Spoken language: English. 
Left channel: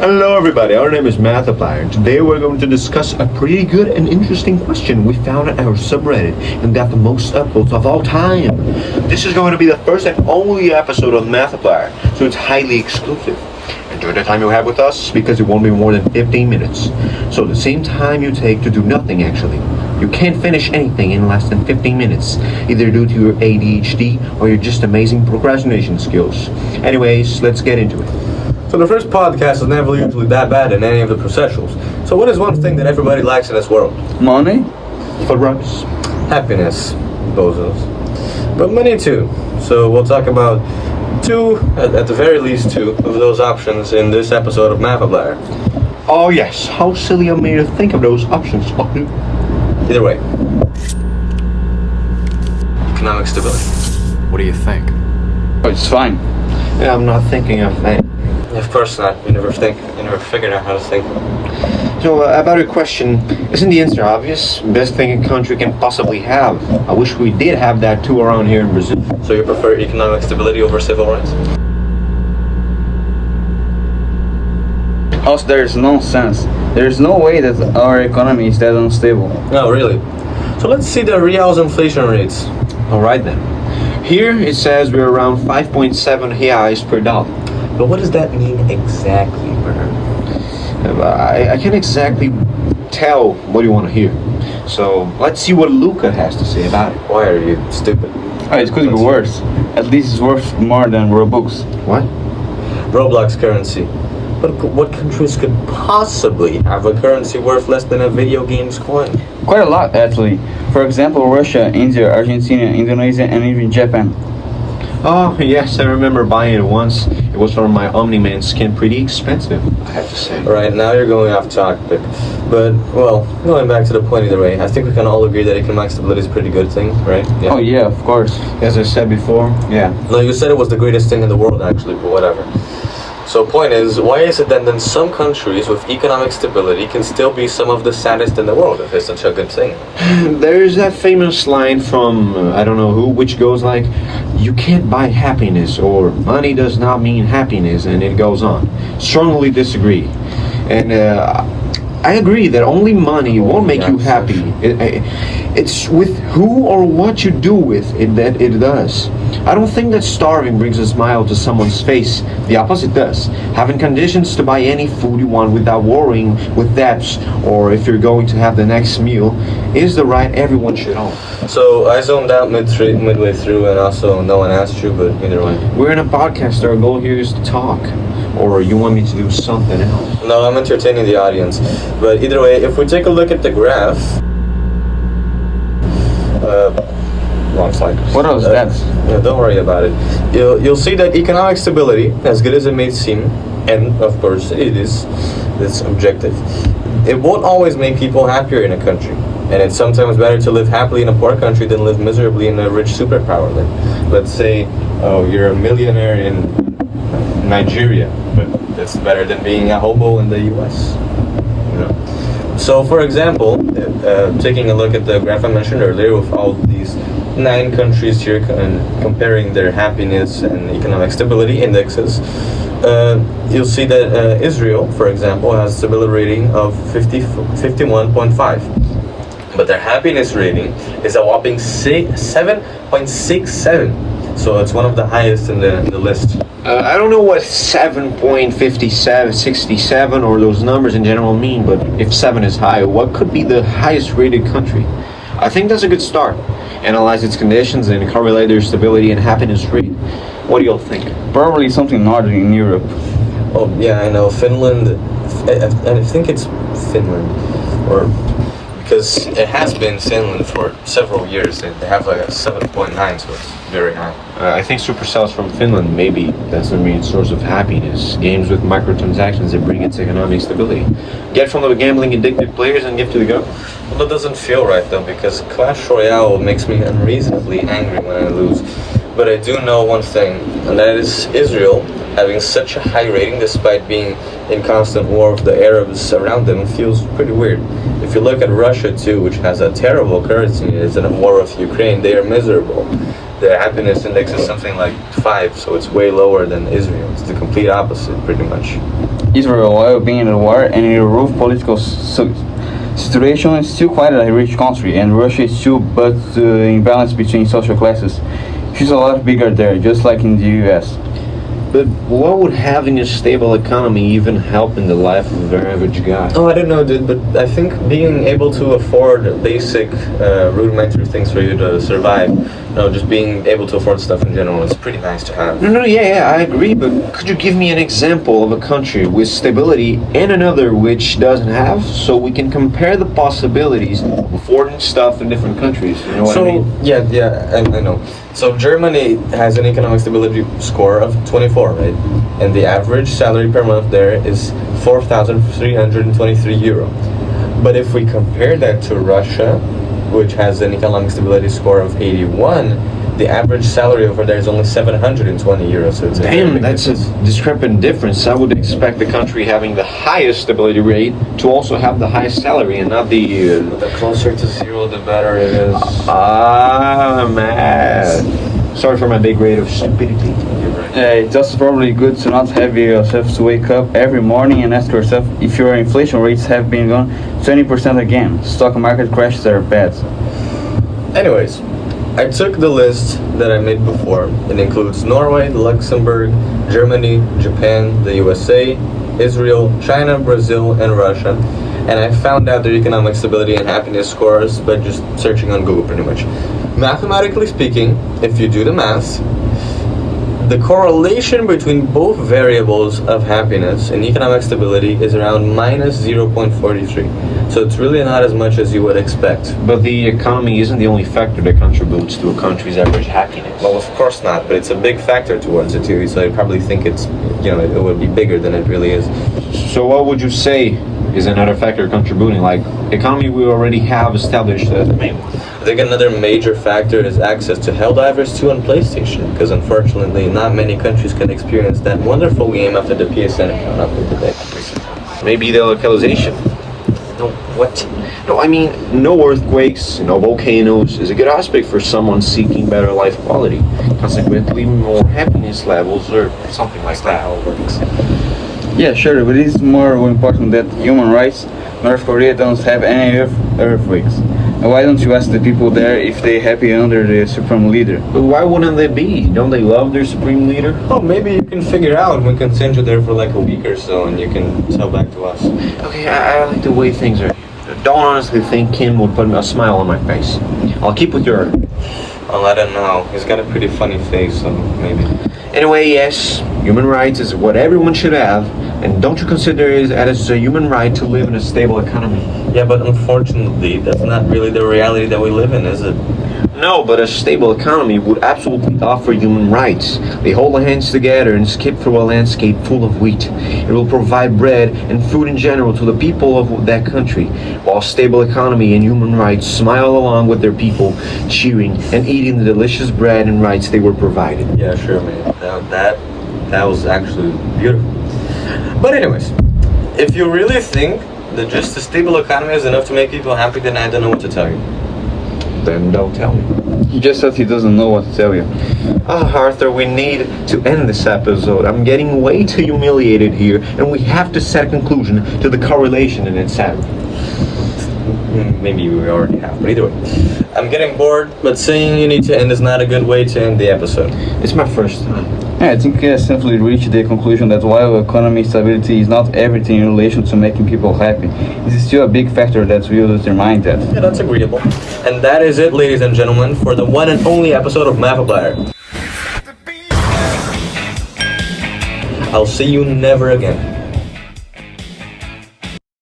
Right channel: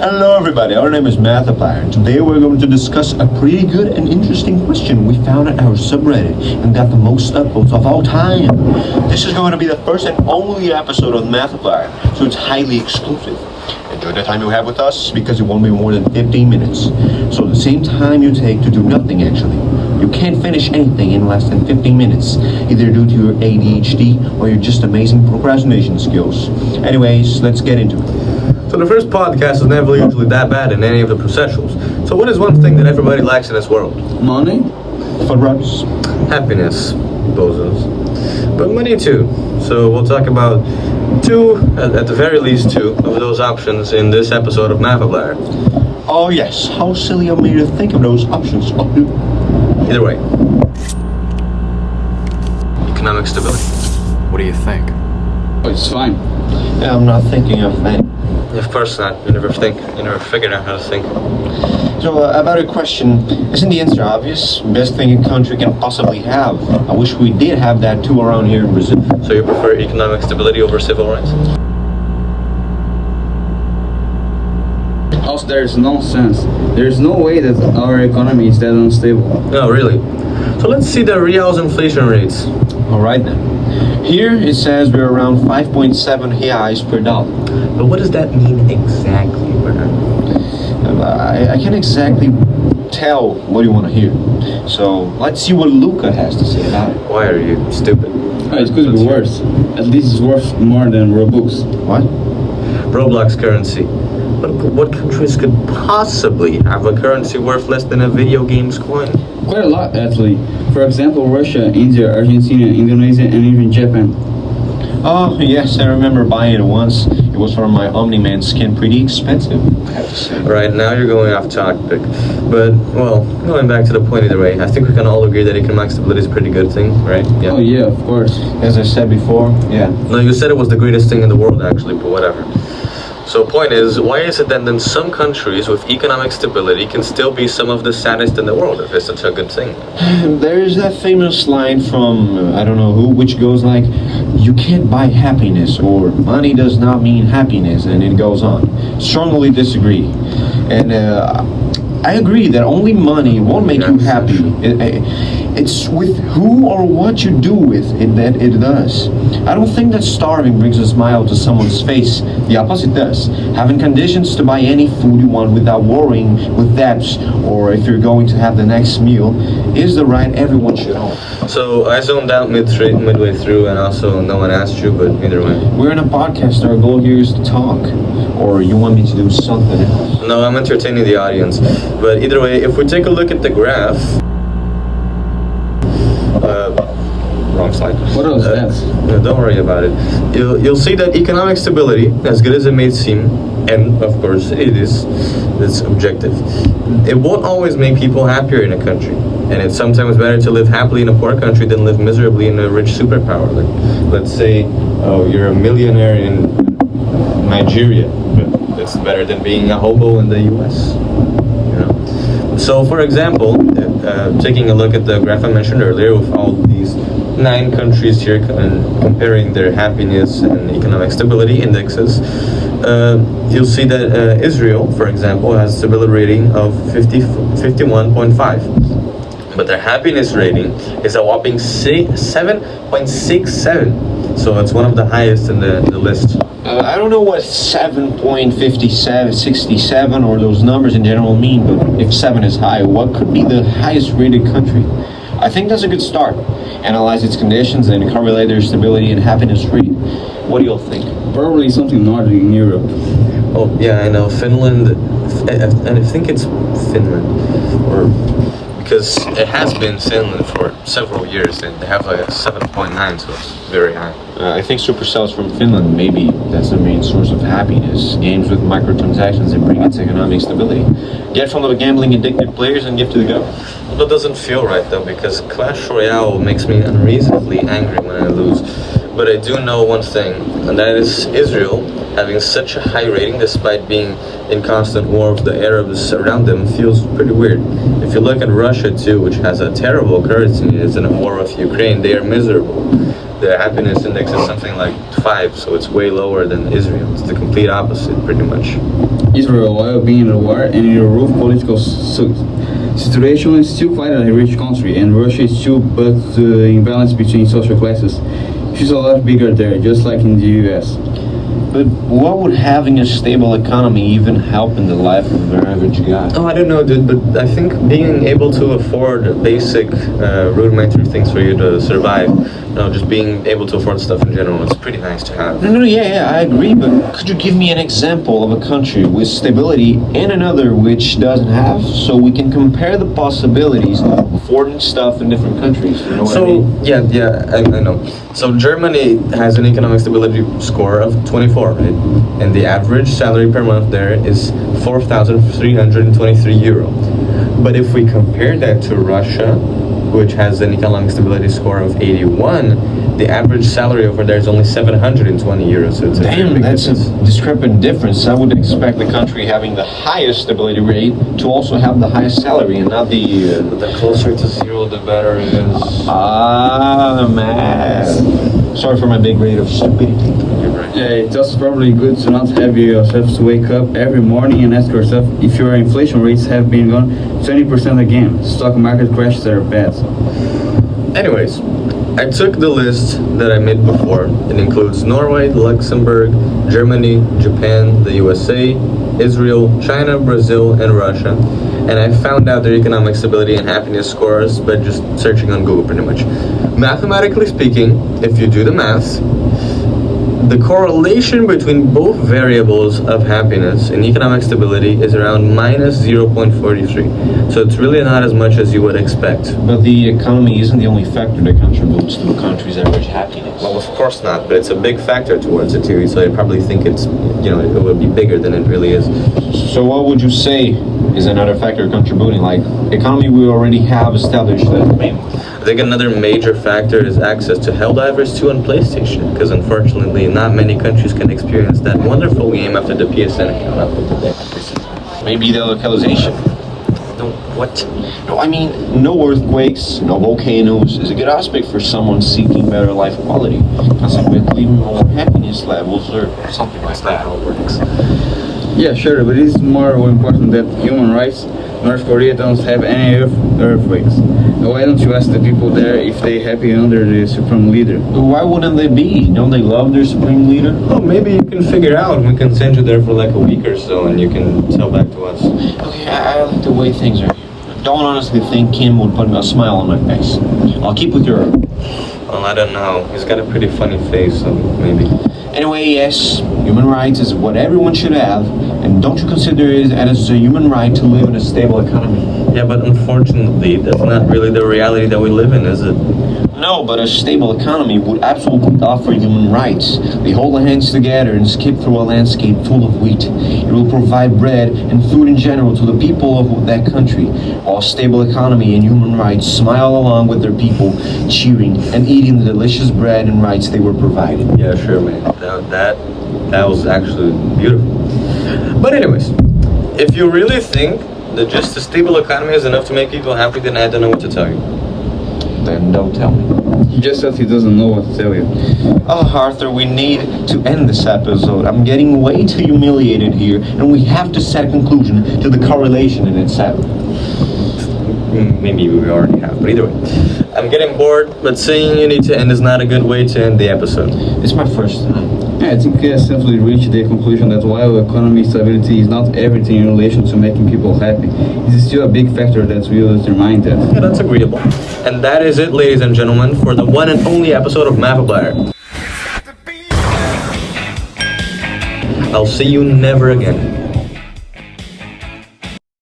Hello everybody, our name is Mathiplier, and today we're going to discuss a pretty good and interesting question we found at our subreddit and got the most upvotes of all time. This is going to be the first and only episode of Mathiplier, so it's highly exclusive. Enjoy the time you have with us because it won't be more than 15 minutes. So the same time you take to do nothing actually. You can't finish anything in less than 15 minutes, either due to your ADHD or your just amazing procrastination skills. Anyways, let's get into it. So the first podcast is never usually that bad in any of the processionals. So what is one thing that everybody likes in this world? Money? For runs. Happiness, bozos. But money too. So we'll talk about two, at the very least two, of those options in this episode of Mathiplier. Oh yes, how silly of me to think of those options. Either way. Economic stability. What do you think? Oh, it's fine. Yeah, I'm not thinking of that. Of course not. You never figured out how to think. So, about your question, isn't the answer obvious? Best thing a country can possibly have. I wish we did have that too around here in Brazil. So you prefer economic stability over civil rights? Also, there's no sense. There's no way that our economy is that unstable. Oh, really? So let's see the real's inflation rates. Alright then. Here it says we're around 5.7 reais per dollar. But what does that mean exactly, Bernard? I can't exactly tell what you want to hear. So let's see what Luca has to say about it. Why are you stupid? Oh, it could be worse. At least it's worth more than Robux. What? Roblox currency. But what countries could possibly have a currency worth less than a video game's coin? Quite a lot, actually. For example, Russia, India, Argentina, Indonesia, and even Japan. Oh, yes, I remember buying it once. It was for my Omni-Man skin, pretty expensive, I have to say. Alright, now you're going off topic. But, well, going back to the point either way, I think we can all agree that economic stability is a pretty good thing, right? Oh yeah, of course. As I said before, yeah. No, you said it was the greatest thing in the world, actually, but whatever. So point is, why is it that then some countries with economic stability can still be some of the saddest in the world if it's such a good thing? There's that famous line from, I don't know who, which goes like, you can't buy happiness, or money does not mean happiness, and it goes on. Strongly disagree. And I agree that only money won't make you happy. It's with who or what you do with it that it does. I don't think that starving brings a smile to someone's face. The opposite does. Having conditions to buy any food you want without worrying with debts or if you're going to have the next meal is the right everyone should own. So I zoned out midway through, and also no one asked you, but either way. We're in a podcast. Our goal here is to talk. Or you want me to do something else? No, I'm entertaining the audience. But either way, if we take a look at the graph, wrong side. What else? Yeah, don't worry about it. You'll see that economic stability, as good as it may seem, and of course it is, it's objective. It won't always make people happier in a country, and it's sometimes better to live happily in a poor country than live miserably in a rich superpower. Like, let's say you're a millionaire in Nigeria, but it's better than being a hobo in the U.S. You know? So, for example, taking a look at the graph I mentioned earlier with all these 9 countries here comparing their happiness and economic stability indexes, you'll see that Israel, for example, has a stability rating of 51.5. But their happiness rating is a whopping 7.67. So it's one of the highest in the list. I don't know what 7.57, 67, or those numbers in general mean, but if 7 is high, what could be the highest rated country? I think that's a good start. Analyze its conditions and correlate their stability and happiness rate. What do you all think? Probably something northern in Europe. Oh, yeah, I know. Finland, I think it's Finland. Or because it has been Finland for several years, and they have like a 7.9, so it's very high. I think Supercell's from Finland. Maybe that's the main source of happiness. Games with microtransactions that bring its economic stability. Get from the gambling addicted players and give to the government. Well, that doesn't feel right though, because Clash Royale makes me unreasonably angry when I lose. But I do know one thing, and that is Israel having such a high rating despite being in constant war with the Arabs around them feels pretty weird. If you look at Russia too, which has a terrible currency, is in a war with Ukraine, they are miserable. Their happiness index is something like 5, so it's way lower than Israel. It's the complete opposite, pretty much. Israel, while being at war and in a rough political situation, is still quite a rich country, and Russia is too, but the imbalance between social classes is a lot bigger there, just like in the US. But what would having a stable economy even help in the life of an average guy? Oh, I don't know, dude, but I think being able to afford basic, rudimentary things for you to survive, just being able to afford stuff in general, it's pretty nice to have. No, yeah, I agree, but could you give me an example of a country with stability and another which doesn't have, so we can compare the possibilities of affording stuff in different countries? You know what I mean? I know. So Germany has an economic stability score of 24, right? And the average salary per month there is 4,323 euro. But if we compare that to Russia, which has an economic stability score of 81, the average salary over there is only 720 euros. So it's a very Damn, big that's a difference. discrepant difference. I would expect the country having the highest stability rate to also have the highest salary and not the... The closer to zero, the better it is. man. Sorry for my big rate of stupidity. Yeah, it's also probably good to not have yourself to wake up every morning and ask yourself if your inflation rates have been gone 20% again. Stock market crashes are bad. Anyways, I took the list that I made before. It includes Norway, Luxembourg, Germany, Japan, the USA, Israel, China, Brazil, and Russia. And I found out their economic stability and happiness scores by just searching on Google pretty much. Mathematically speaking, if you do the maths, the correlation between both variables of happiness and economic stability is around minus 0.43. So it's really not as much as you would expect. But the economy isn't the only factor that contributes to a country's average happiness. Well, of course not, but it's a big factor towards it too. So you probably think it's, it would be bigger than it really is. So what would you say is another factor contributing? Like, economy we already have established as the main one. I think another major factor is access to Helldivers 2 on PlayStation, because unfortunately not many countries can experience that wonderful game after the PSN account up in the day. Maybe the localization. No, what? No, I mean, no earthquakes, no volcanoes is a good aspect for someone seeking better life quality. Consequently, more happiness levels or something like that. Yeah, sure, but it's more important that human rights. North Korea don't have any earthquakes. Why don't you ask the people there if they're happy under the supreme leader? But why wouldn't they be? Don't they love their supreme leader? Oh, maybe you can figure out. We can send you there for like a week or so, and you can tell back to us. Okay, I like the way things are. Don't honestly think Kim would put a smile on my face. I'll keep with your... Well, I don't know. He's got a pretty funny face, so maybe. Anyway, yes, human rights is what everyone should have, and don't you consider it as a human right to live in a stable economy? Yeah, but unfortunately, that's not really the reality that we live in, is it? No, but a stable economy would absolutely offer human rights. They hold their hands together and skip through a landscape full of wheat. It will provide bread and food in general to the people of that country, while a stable economy and human rights smile along with their people, cheering and eating the delicious bread and rights they were provided. Yeah, sure, man. That was actually beautiful. But anyways, if you really think that just a stable economy is enough to make people happy, then I don't know what to tell you. Then don't tell me. He just said he doesn't know what to tell you. Arthur, we need to end this episode. I'm getting way too humiliated here, and we have to set a conclusion to the correlation in its head. Maybe we already have, but either way. I'm getting bored, but saying you need to end is not a good way to end the episode. It's my first time. Yeah, I think we have simply reached the conclusion that while economic stability is not everything in relation to making people happy, it is still a big factor that will determine that. Yeah, that's agreeable. And that is it, ladies and gentlemen, for the one and only episode of Markiplier. I'll see you never again.